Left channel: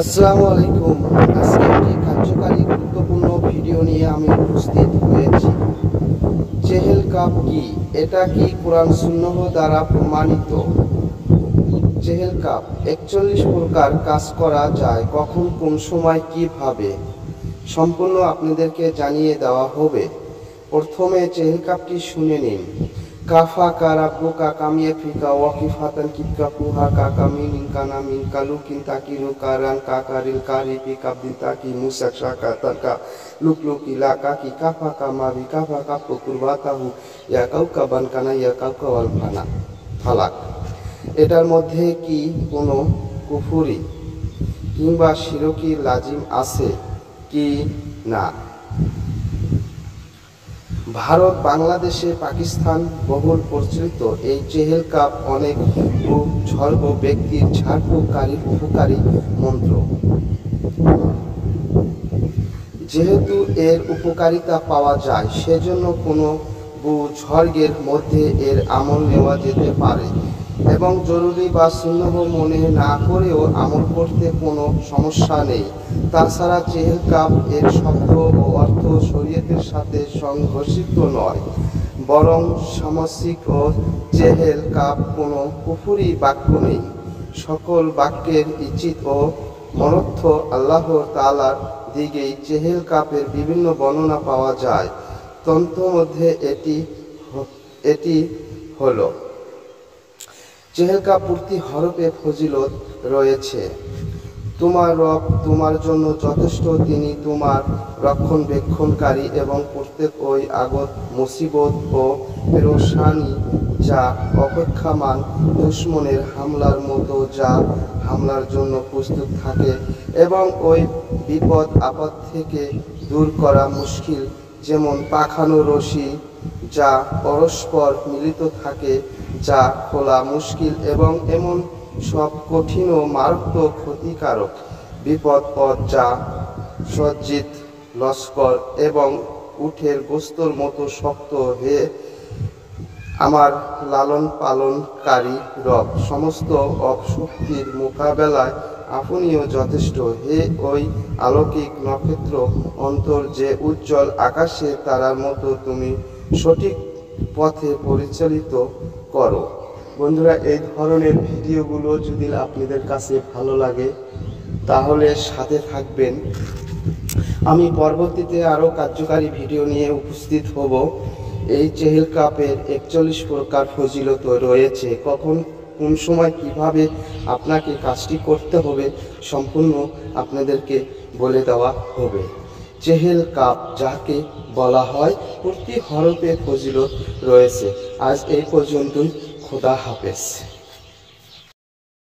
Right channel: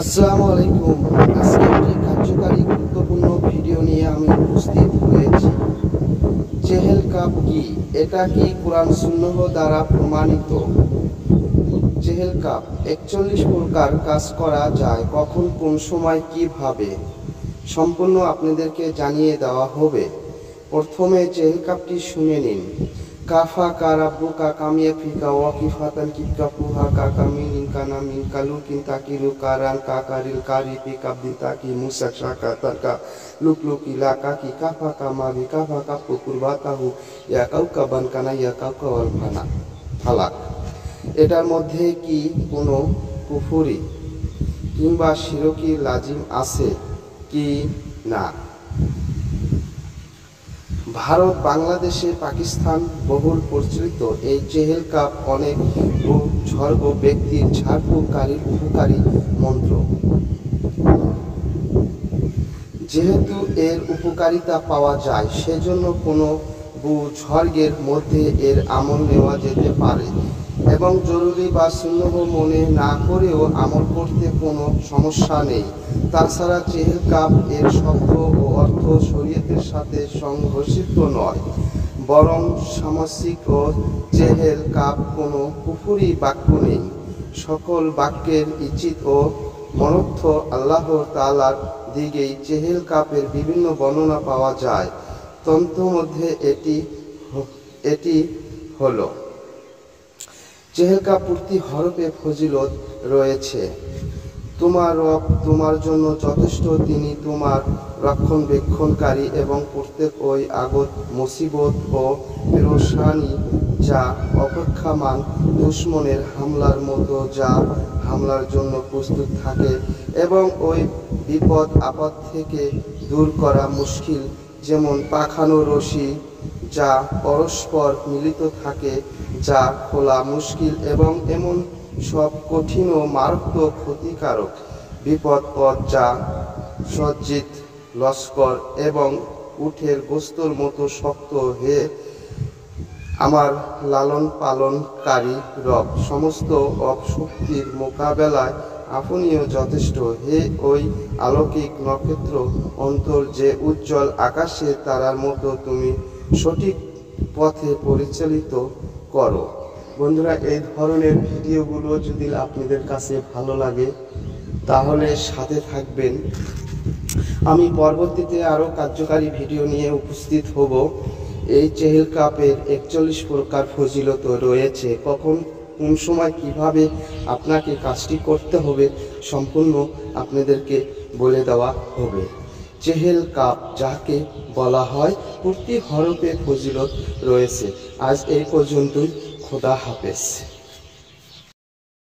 আসসালামু আলাইকুম। আজকে একটি কার্যকারী গুরুত্বপূর্ণ ভিডিও নিয়ে আমি উপস্থিত হয়েছি। চেহেল কাপ কি? এটা কি কোরআন সুন্নাহ দ্বারা প্রমাণিত? চেহেল কাপ 41 প্রকার কাজ করা যায়, কখন, কোন সময়, কিভাবে, সম্পূর্ণ আপনাদেরকে জানিয়ে দেওয়া হবে। প্রথমে চেহেল কাপটি শুনে নিন। কাফা কা রাব্বুকা কামিয়া ফিকা ওয়াকিফাতান কিবকা পুহা কা কামিনিন কানা মিন কালু কিনতাকিরু কারান কা কারিল কারি পি কাবদিন তাকি মুসা শাকা তাকা লুকলুকি লা কাকি কাফা কামাবি কাফা কাপু কুরবাতাহু ইয়া কাউকা বান কানা ইয়া কাউকা ওয়াল ফানা ফালাক। এটার মধ্যে কি কোনো কুফুরি কিংবা শিরকি লাজিম আছে কি না? ভারত, বাংলাদেশে, পাকিস্তান বহুল প্রচলিত এই চেহেল কাপ অনেক বুজুর্গ ব্যক্তির ঝাড়ফুঁকারীর উপকারী মন্ত্র। যেহেতু এর উপকারিতা পাওয়া যায়, সেজন্য কোনো বুজুর্গের মধ্যে এর আমল নেওয়া যেতে পারে এবং জরুরি বা সুন্নাহ মনে না করেও আমল করতে কোনো সমস্যা নেই। তাছাড়া চেহেল কাপ এর শব্দ ও অর্থ শরীয়তের সাথে সংঘর্ষিত নয়, বরং সামসিক ও চেহেল কাপ কোনো কুফরি বাক্য নেই। সকল বাক্যের ইচিত ও মনর্থ আল্লাহ তাআলার দিকেই চেহেল কাপের বিভিন্ন বর্ণনা পাওয়া যায়। তন্ত্রমধ্যে এটি হলো চেহেল কাপ প্রতি হরফে ফজিলত রয়েছে। তোমার রব তোমার জন্য যথেষ্ট, তিনি তোমার রক্ষণবেক্ষণকারী এবং প্রত্যেক ওই আগত মুসিবত ও পেরেশানি যা অপেক্ষামান দুশমনের হামলার মতো যা হামলার জন্য প্রস্তুত থাকে এবং ওই বিপদ আপদ থেকে দূর করা মুশকিল, যেমন পাখানো রশি যা পরস্পর মিলিত থাকে যা খোলা মুশকিল, এবং এমন সব কঠিন ও মারাত্মক ক্ষতিকারক বিপদ যা সজ্জিত লস্কর এবং উটের গোস্তর মতো শক্ত। হে আমার লালন পালনকারী রব, সমস্ত অপশক্তির মোকাবেলায় আপনিও যথেষ্ট। হে ওই আলৌকিক নক্ষত্র অন্তর যে উজ্জ্বল আকাশে তারার মতো, তুমি সঠিক পথে পরিচালিত করো। বন্ধুরা, এই ধরনের ভিডিওগুলো যদি আপনাদের কাছে ভালো লাগে তাহলে সাথে থাকবেন। আমি পরবর্তীতে আরও কার্যকারী ভিডিও নিয়ে উপস্থিত হব। এই চেহেল কাপের 41 প্রকার ফজিলত রয়েছে, কখন, কোন সময়, কিভাবে আপনাকে কাজটি করতে হবে সম্পূর্ণ আপনাদেরকে বলে দেওয়া হবে। চেহেল কাপ যাকে বলা হয়, প্রতি হরফে ফজিলত রয়েছে। আজ এই পর্যন্তই। খোদা হাফেজ।